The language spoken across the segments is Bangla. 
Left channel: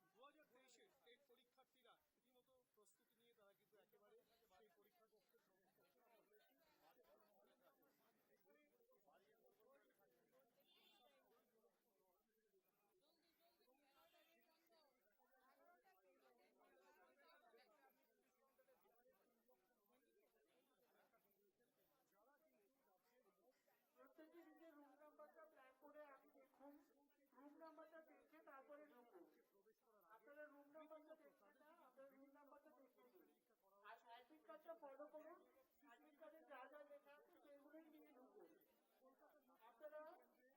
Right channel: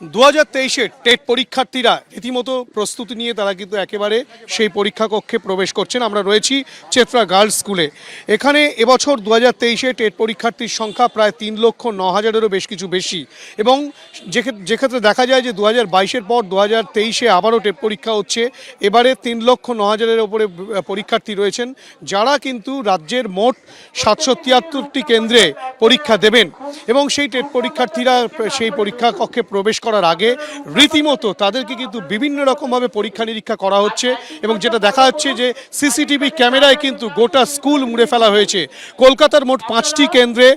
2023-এ টেট পরীক্ষার্থীরা রীতিমতো প্রস্তুতি নিয়ে তারা কিন্তু একেবারে সেই পরীক্ষা কক্ষে প্রবেশ করছেন। আমরা রয়েছি চেতরা গার্লস স্কুলে। এখানে এবছর 2023-এ টেট পরীক্ষার্থীর সংখ্যা প্রায় 3,09,000-এরও বেশ কিছু বেশি, এবং যেক্ষেত্রে দেখা যায় যে 2022-এর পর 2023-এ আবারও টেট পরীক্ষা হচ্ছে। এবারে 3,09,000-এর ওপরে পরীক্ষার্থী রয়েছেন, যারা কিন্তু রাজ্যের মোট 773টি কেন্দ্রে পরীক্ষা দেবেন। এবং সেই টেট পরীক্ষার্থীরা সেই পরীক্ষা কক্ষে প্রবেশ করার আগে রীতিমতো তাদেরকে কিন্তু বিভিন্ন রকমভাবে পরীক্ষা নিরীক্ষা করা হচ্ছে, এবং যেটা দেখা যাচ্ছে যে সিসিটিভি ক্যামেরায় কিন্তু গোটা স্কুল মুড়ে ফেলা হয়েছে। কলকাতার মোট 5টি কেন্দ্রে,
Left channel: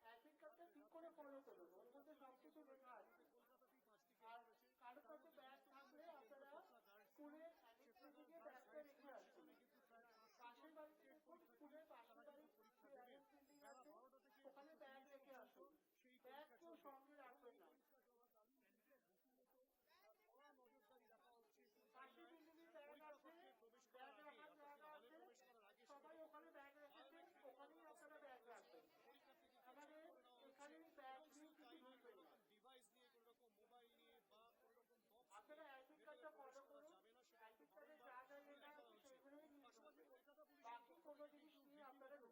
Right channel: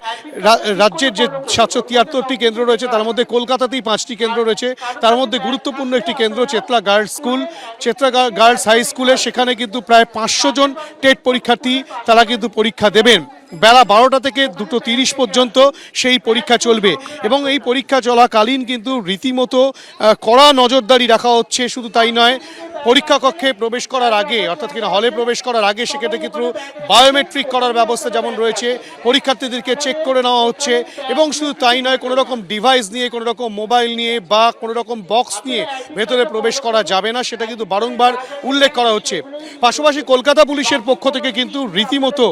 রাজ্যের যে 773টি কেন্দ্র রয়েছে তার মধ্যে কলকাতাতেই 5টি কেন্দ্র রয়েছে। তার মধ্যে গুরুত্বপূর্ণ একটি কেন্দ্র Chetla girls school, Chetla girls high স্কুলে। সেখানে কিন্তু প্রায় 500 জন টেট পরীক্ষার্থী তারা কিন্তু পরীক্ষা দেবেন। বেলা 12টা থেকে 2:30 পর্যন্ত সেই পরীক্ষা চলবে, এবং এই পরীক্ষা চলাকালীন কিন্তু রীতিমতো কড়া নজরদারি রাখা হচ্ছে। শুধু তাই নয়, পরীক্ষা কক্ষে প্রবেশ করার আগে, অর্থাৎ কিনা হলে প্রবেশ করার আগে, সেক্ষেত্রে কিন্তু বায়োমেট্রিক করার ব্যবস্থা যেমন রয়েছে, পরীক্ষার্থীদেরকে চেক করে নেওয়া হচ্ছে। এবং শুধু তাই নয়, কোনো রকম ডিভাইস নিয়ে, কোনো রকম মোবাইল নিয়ে বা কোনো রকম বক্স নিয়ে ভেতরে প্রবেশ করা যাবে না, সেটা কিন্তু বারংবার উল্লেখ করা হচ্ছে। পাশাপাশি কলকাতা পুলিশের পক্ষ থেকে কিন্তু রীতিমতো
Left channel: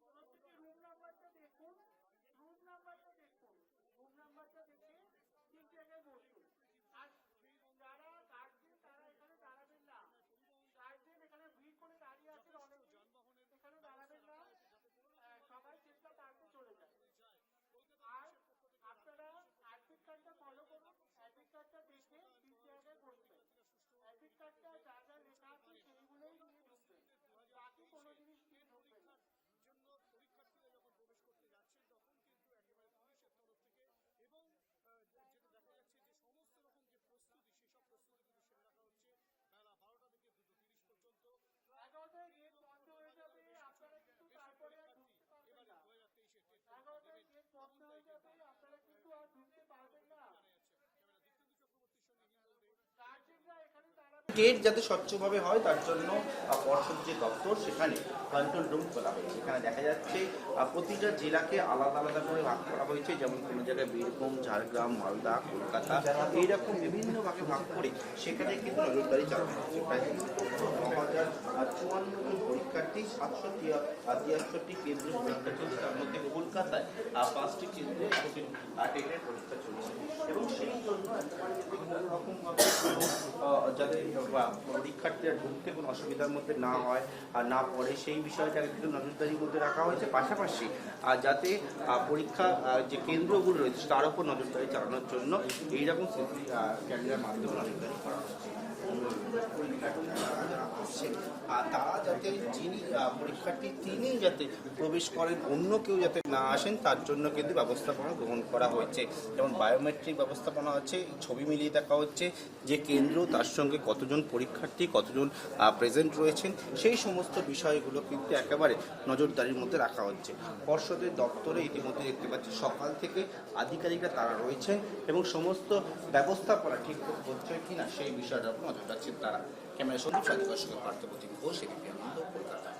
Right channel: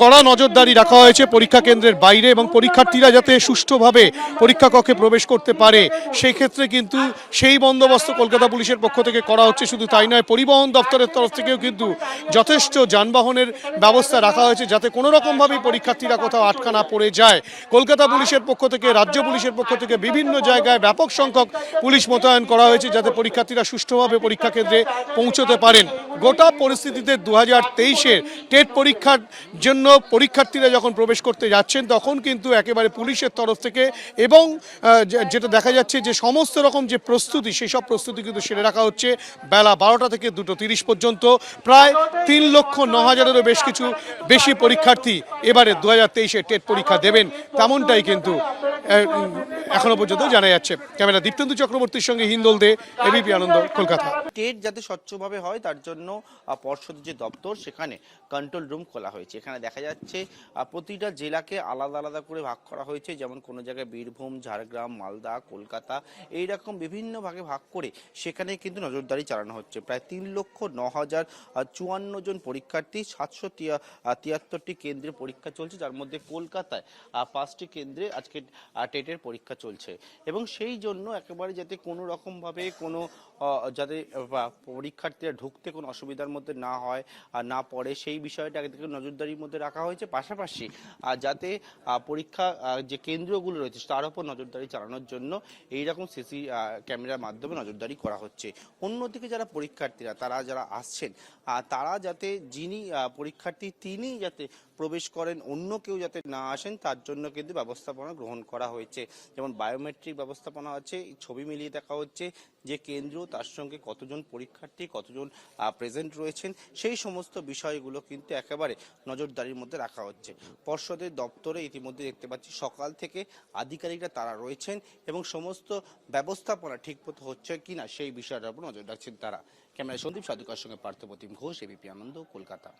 কড়া নজরদারি রাখা হয়েছে পরীক্ষা কেন্দ্রের বাইরে, এবং পরীক্ষার্থীরা যাতে সুষ্ঠুভাবে পরীক্ষা কক্ষে প্রবেশ করতে পারে সেই ক্ষেত্রে কিন্তু সেই বন্দোবস্ত কলকাতা পুলিশের পক্ষ থেকে করা হচ্ছে। শুধু তাই নয়, পরিবহন দপ্তরের তরফ থেকেও কিন্তু যথেষ্ট যানবাহনের ব্যবস্থা রাখা হয়েছে, যাতে কোনো রকমভাবেই পরীক্ষার্থীরা কোথাও আটকা না পড়ে যায়। কলকাতা পুলিশের পক্ষ থেকে, রাজ্য পুলিশের পক্ষ থেকে বিভিন্ন জায়গায় ব্যাপক সংখ্যক পুলিশ মোতায়েন করা হয়েছে, যাতে পরীক্ষার্থীরা সুষ্ঠুভাবে পরীক্ষা কেন্দ্রে পৌঁছতে পারেন। গোটা পরিস্থিতিতে 2023-এর টেট পরীক্ষার জন্য পরীক্ষার্থীরা যখন প্রবেশ করতে যাচ্ছেন, তখন কিন্তু একেবারে পুলিশের তরফ থেকে, এবং যেটা দেখা যাচ্ছে যে সমস্ত রকম যে প্রস্তুতি, সেই সব প্রস্তুতি কিন্তু সেরে রাখা হচ্ছে। বেলা 12টা থেকে 2:30 পর্যন্ত প্রায় 3,09,000-এরও বেশি পরীক্ষার্থী এবারে 2023-এর টেট পরীক্ষা দেবেন, তেমনটাই কিন্তু এখনো পর্যন্ত জানা যাচ্ছে। ক্যামেরা দীপ্তেন্দু চক্রবর্তীর সঙ্গে হিন্দল দে, এবিপি আনন্দ, কলকাতা। টেট যাতে স্বচ্ছভাবে হয় তার জন্য পর্ষদ যে দপ্তর, সেখানে কন্ট্রোল রুম খোলা হয়েছে। এখানে দেখা যাচ্ছে প্রতিটা জেলাকে আলাদা আলাদা করে ভাগ করা হয়েছে, যেমন কোনো জায়গায় বীরভূম, ঝাড়গ্রাম, মালদা, কলকাতা, এইরকম বিভিন্ন ভাগে ভাগ করে সেখানে কিন্তু নজরদারি চালানো হচ্ছে। প্রায় 3,09,054 জন পরীক্ষার্থী, 773টি কেন্দ্রে পরীক্ষা চলছে, তার মধ্যে কলকাতায় 5টি কেন্দ্রে আজকে টেটের পরীক্ষা চলছে। এবং সেই জন্য একেবারে যাতে কোনো রকমভাবে কোনো যাতে পরীক্ষার্থীরা ঢুকতে কোনো অসুবিধার মধ্যে না হয় আর না পড়ে, সেই বিষয়টা কিন্তু নজরদারির মধ্যে রাখা হয়েছে। পাশাপাশি যাতে পরীক্ষা যে কেন্দ্রগুলো রয়েছে তার উপর নজরদারি চালানোর জন্য এইরকম সিসি ক্যামেরার মাধ্যমে নজরদারি করা হচ্ছে। অন্যদিকে যারা পরীক্ষার্থীরা যারা আসছেন, তারা যাতে যিনি পরীক্ষার্থী তিনি যাতে প্রবেশ করেন, অন্য কেউ যাতে না আসেন, তার জন্য কিন্তু ব্যবস্থাপনা গ্রহণ করা হয়েছে। যেমন বায়োমেট্রিক ব্যবস্থাপনা আছে, ছবি মিলিয়ে দেখা হচ্ছে যে কেন্দ্র, তার সঙ্গে কতজন পরীক্ষার্থী, কতজন প্রেজেন্ট রয়েছেন, সেই সমস্ত বিষয়গুলো কিন্তু একেবারে নজরদারির মধ্যে রাখা হচ্ছে। পর্ষদের দপ্তরে ইতিমধ্যে দেখতে পাচ্ছি সকাল থেকে আধিকারিকরা তারা রয়েছেন, এবং সমস্ত ব্যবস্থাপনা ঠিক হচ্ছে কিনা সেই বিষয়টার উপর নজর রাখছেন তারা। ক্যামেরা সন্দীপ সাদিকার সঙ্গে পার্থপ্রতিম ঘোষ, এবিপি আনন্দ, কলকাতা।